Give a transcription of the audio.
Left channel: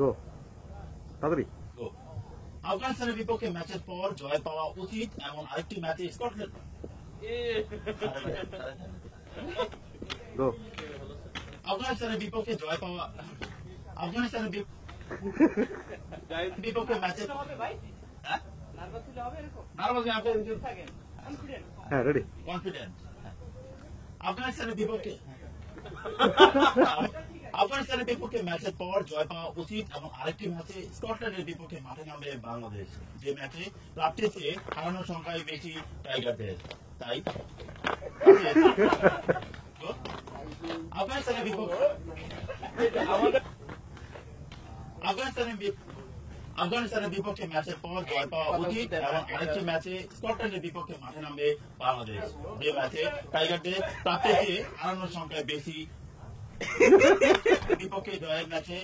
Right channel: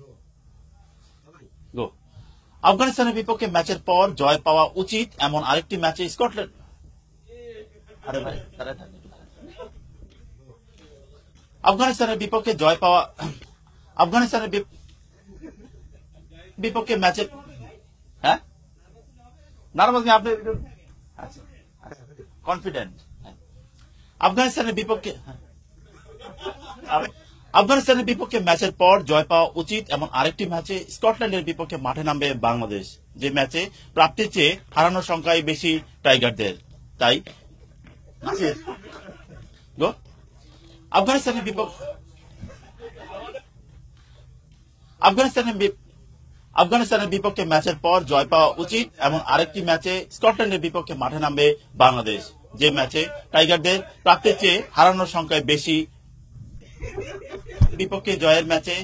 গো তাড়াতাড়ি গো। আফগানিস্তানের বিপক্ষে ম্যাচের পর জয় পাওয়া উচিত এমন আরেকটি ম্যাচে স্কটল্যান্ড। আরে ভাই, তাড়াতাড়ি। গো আফগানিস্তানের বিপক্ষে জয় পাওয়া আফগানিস্তানের বিপক্ষে ম্যাচের হ্যাঁ নার্ভাস কি আপনি হ্যাঁ রেডি কনফিডেন্ট। আফগানিস্তানের বিপক্ষে আফগানিস্তানের বিপক্ষে ম্যাচের পর জয় পাওয়া উচিত এমন আরেকটি ম্যাচে স্কটল্যান্ডের বিপক্ষে মাঠে নামবে বাংলাদেশ, যে ম্যাচে প্রাপ্তির চেয়ে হারানোর সংখ্যাই বেশি টাইগারদের। তাই গো। আফগানিস্তানের বিপক্ষে আফগানিস্তানের বিপক্ষে ম্যাচের পর জয় পাওয়া উচিত এমন আরেকটি ম্যাচে স্কটল্যান্ডের বিপক্ষে মাঠে নামবে বাংলাদেশ, যে ম্যাচে টাইগারদের প্রাপ্তির চেয়ে হারানোর সংখ্যায় বেশি। বিপক্ষে জয়ের ম্যাচে